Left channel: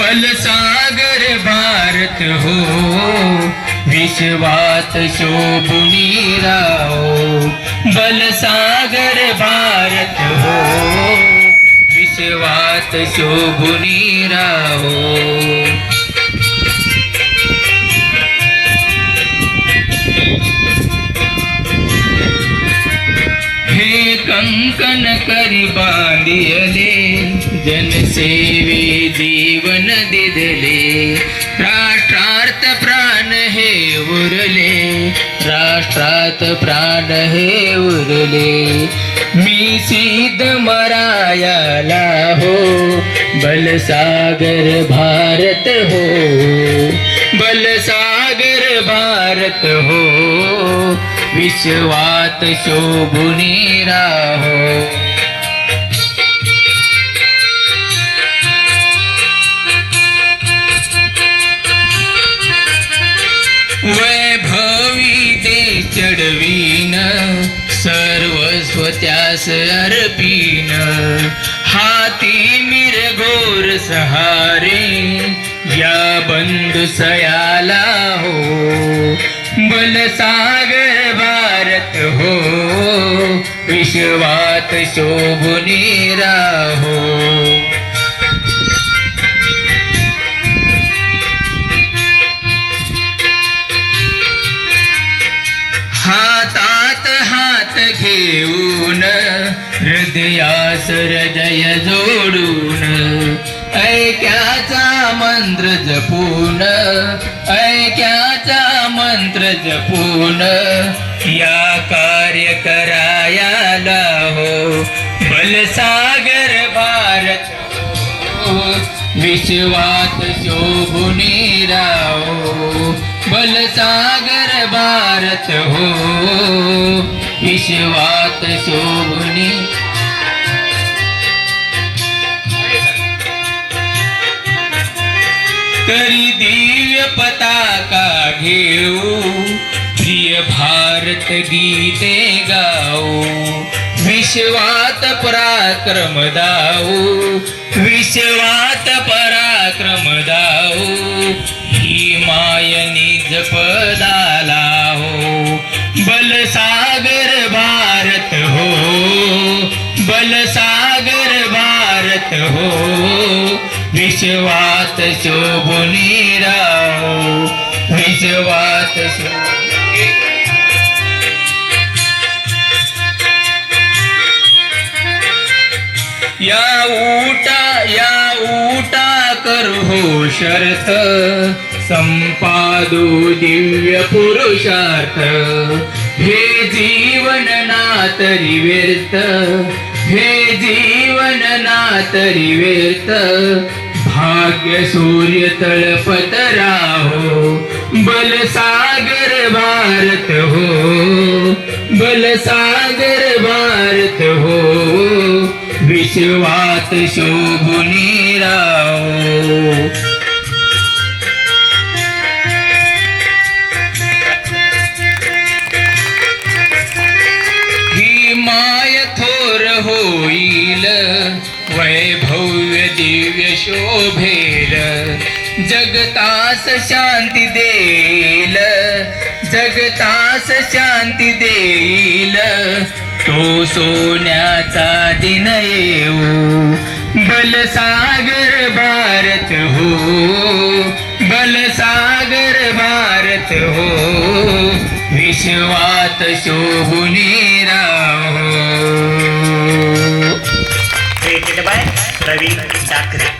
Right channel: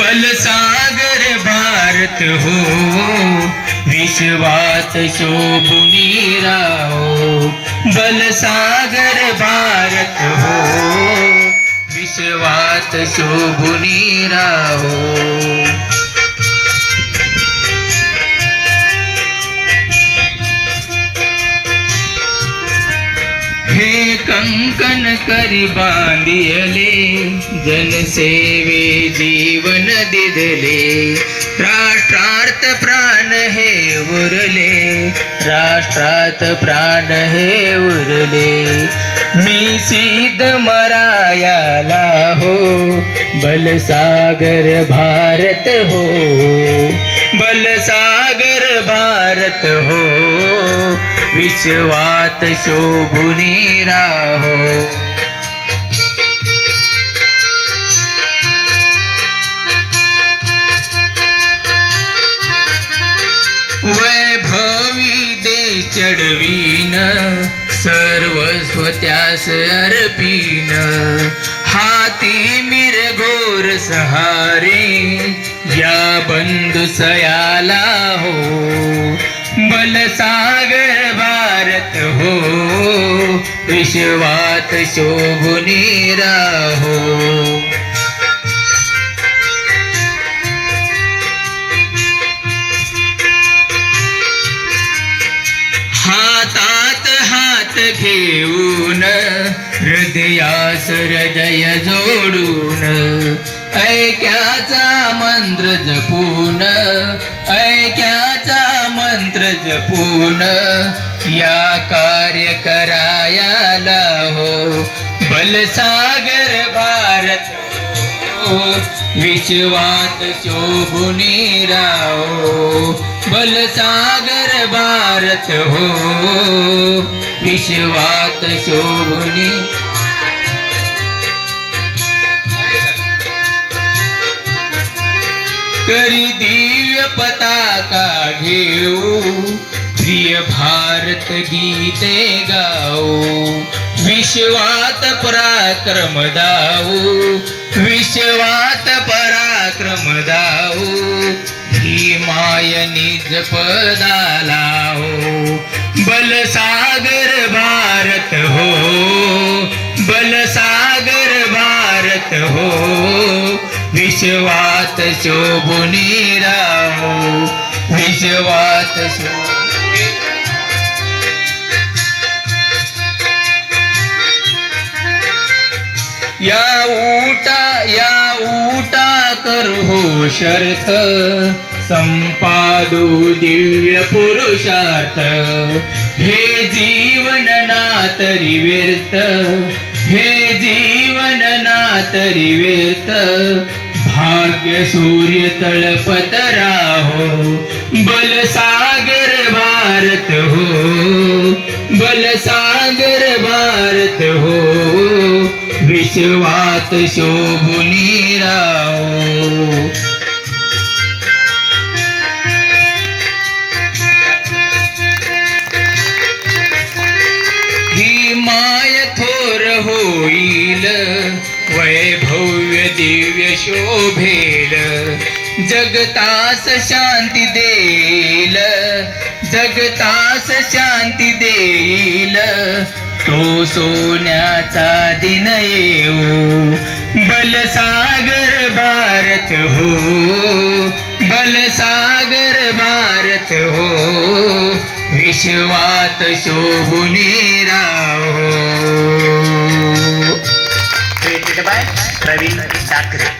बलसागर भारत हो। विश्वात शोभुनी राहो बलसागर भारत हो। विश्वात शोभुनी राहो कंकन करी बांधियले जनसेवे जीवन दिदले। राष्ट्रार्थ प्राण हे उरले राष्ट्रात प्राण हे उरले। मी सीध मरायाला हो बलसागर भारत हो। बलसागर भारत हो। विश्वात शोभुनी राहो वैभवी दे चढवीन सर्वस्व त्यास अर्पीन। हाती मिरघोर सहारे या बंधु सयाला हो। बलसागर हो विश्वात शोभुनी राहो। हातात हात घेऊन हृदयास हृदय जोडून ऐक्याचा मंत्र जपून ऐक्याचा मंत्र जपून या कार्य करायाला हो. बलसागर भारत हो, विश्वात शोभुनी राहो. बलसागर भारत हो. विश्वात शोभुनी करी दिव्य पताका घेऊ प्रिय भारत गीते गाऊ. विश्वात पराक्रम दाऊ विश्वात पराक्रम दाऊ. ही माय निज पदाला हो बलसागर भारत हो बलसागर भारत हो. विश्वात शोभुनी राहो. विश्वात शोभुनी या ऊटा या ऊटा कर हो शर्त. शर्थ संपादू दिव्य पुरुषार्थ. हे जीवन नातरी व्यर्थ. हे जीवन नातरी व्यर्थ. भाग्य सूर्य तळपत राहो बलसागर भारत हो बलसागर भारत हो विश्वात शोभुनी राहो. भेल. जगतास शांती देईल. जगतास शांती देईल. तो सोन्याचा दिन येऊ. बलसागर भारत हो. बलसागर भारत हो. विश्वात शोभुनी राहो. created by Ravi